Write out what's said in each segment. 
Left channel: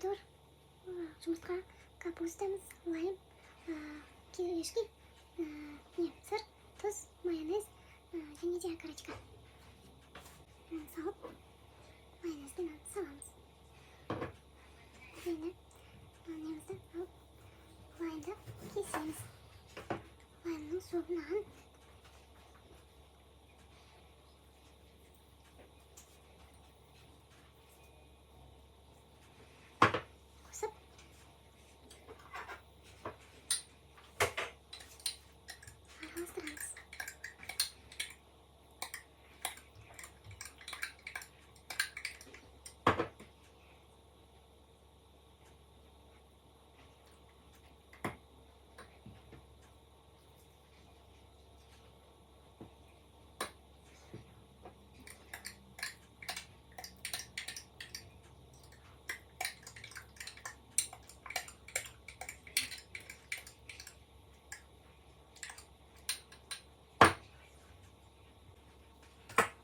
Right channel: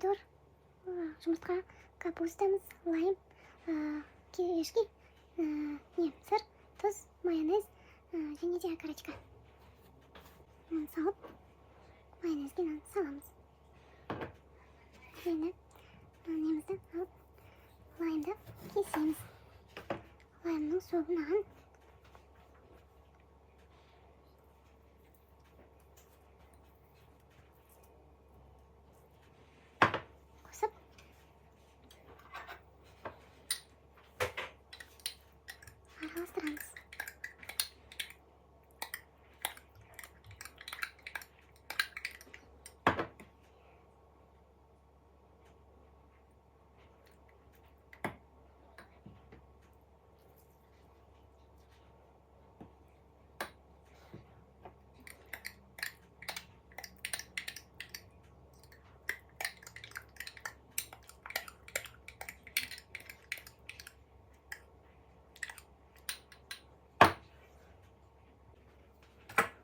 pomidor, жұмыртқа, капустамыз, лайм, кирешки, сыр, тұз, майонез және де окорочка. Салып, майонезді саламыз. Енді немізді алып, лаймды кесеміз. Лаймның суынан қосып, араластырамыз.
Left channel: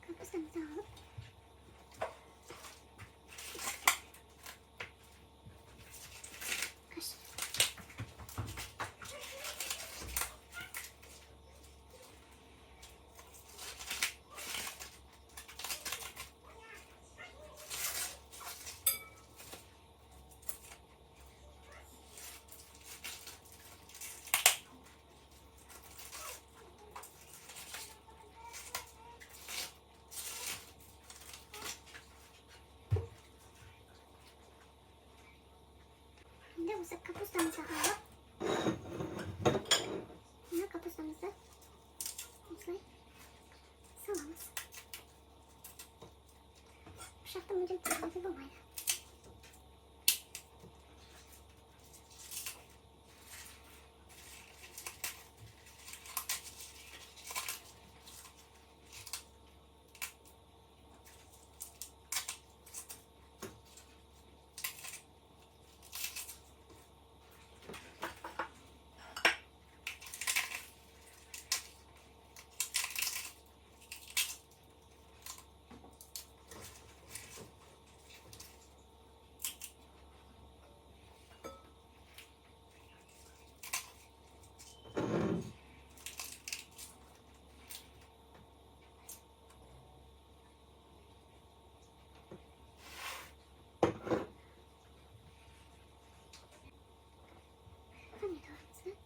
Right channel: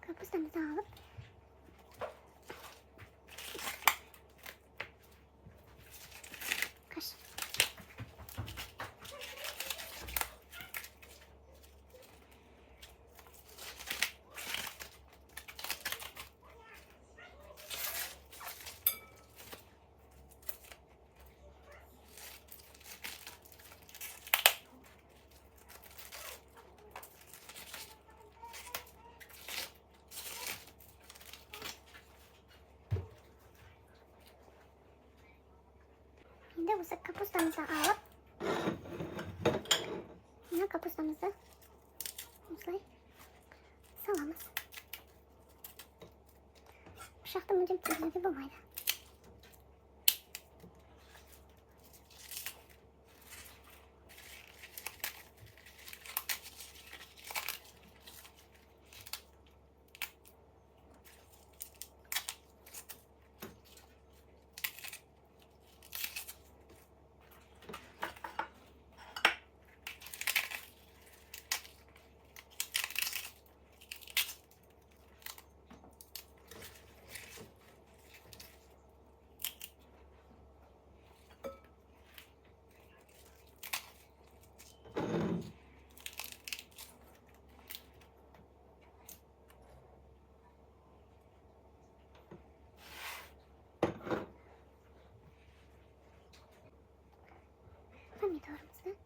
Kapustamızı alıp kaş. Şimdi bu kapustamızı alıp buna kapustamızı salamız. Bıçaktan ucum tırnağı bulmaydı. Pomidorumuzu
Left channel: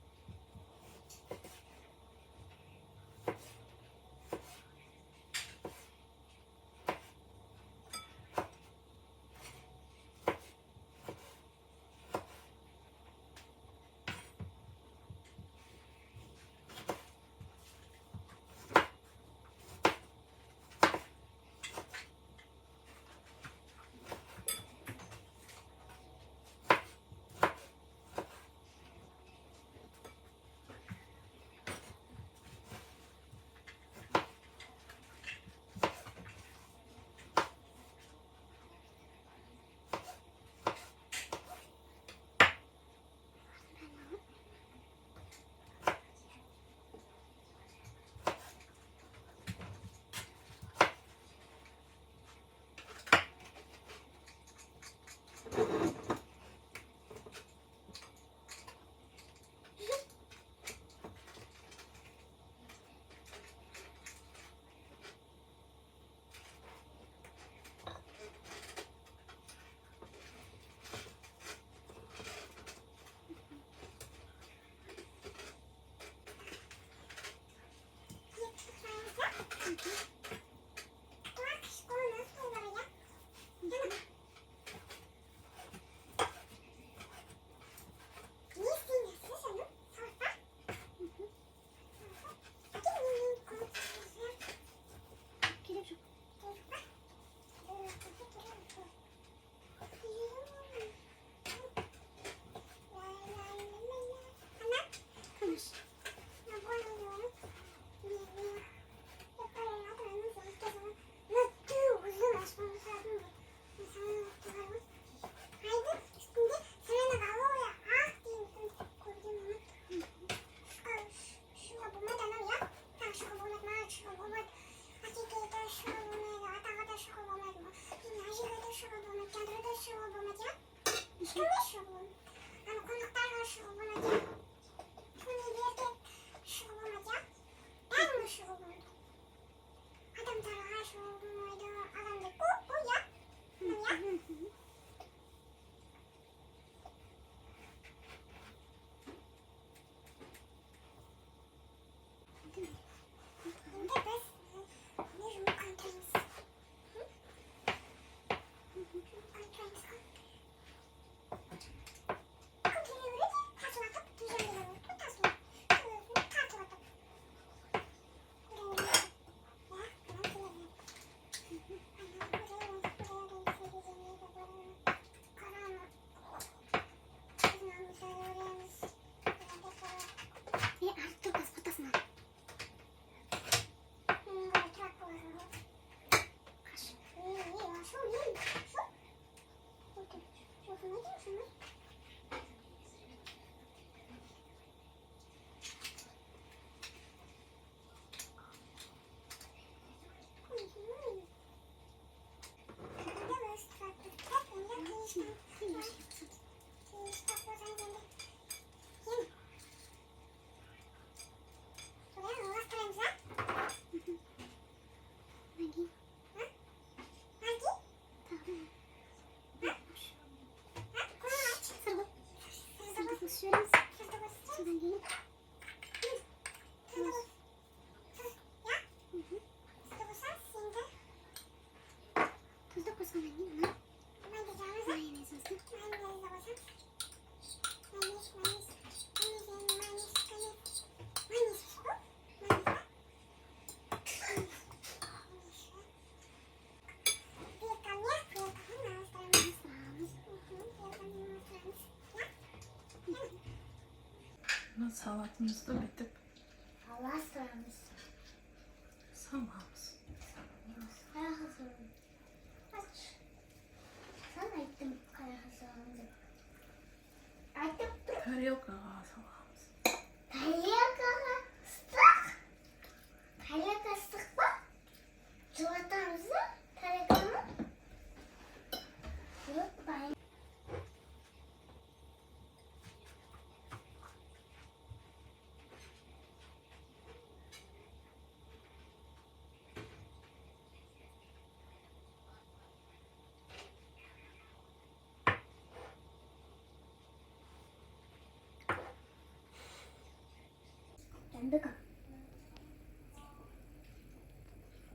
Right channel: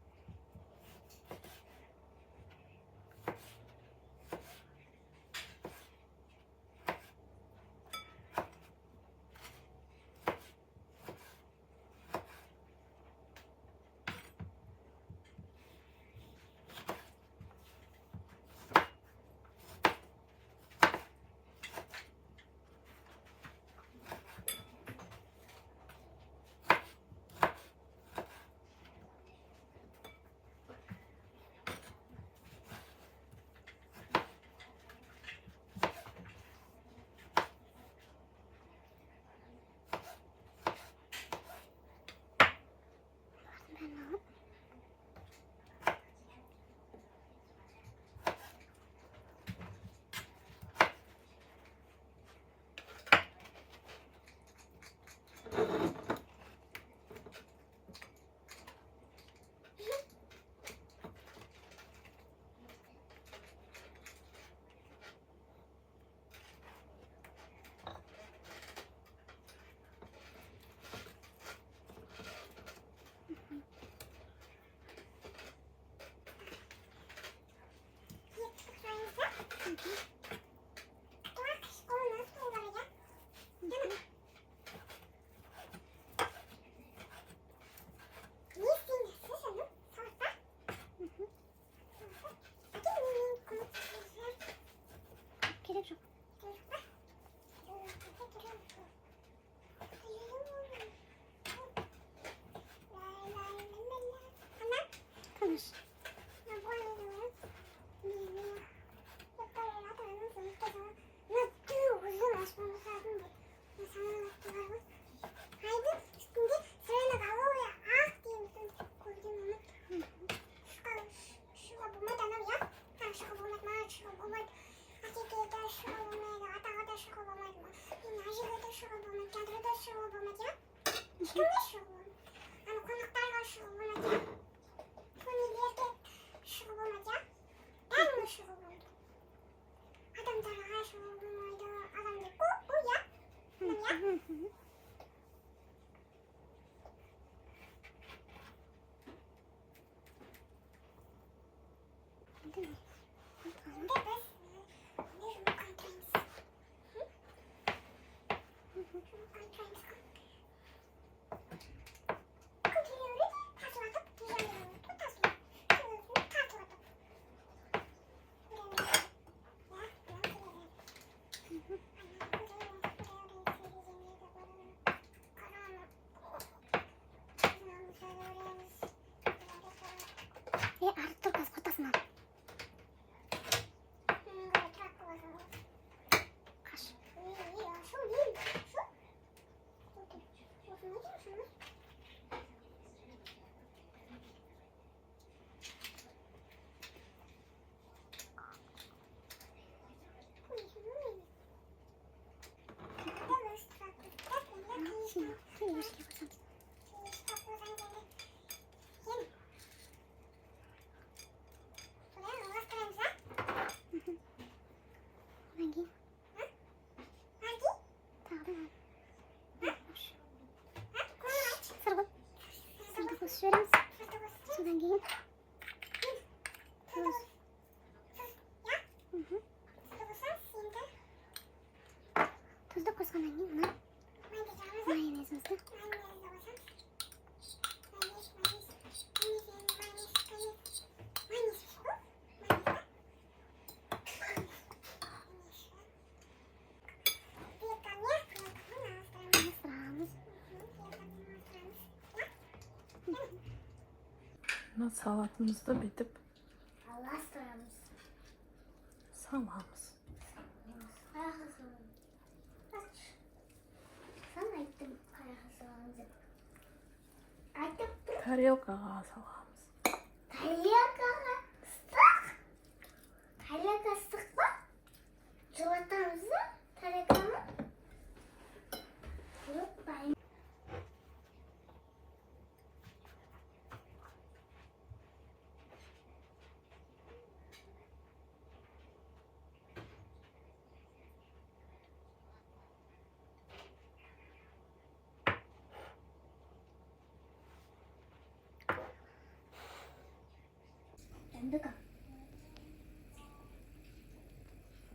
kamış. Kimle şurubu? Hani konuklarla şurubunacak. Konuklarda şurubunacak. Ben mi şurubundum? Adam taraha şurubunuydu. Adam da bu ya. Ya. Değil mi? Bir de biz ne şurubu kantayız. Artık az patasına. Kaş. Tuzlu koysana anne ona. Mayonezimizi. Salatımız da bitip Allah sıramız. samamız. Kara hazırım. Aç. Sana ettim kara hazırımızı. Artık dur. Tereyağlı salamız. Tereyağlı ıslık. Tereyağlı ıslık bak. Çikolatamızı tereyağını. Yok ben. Kendi kapı.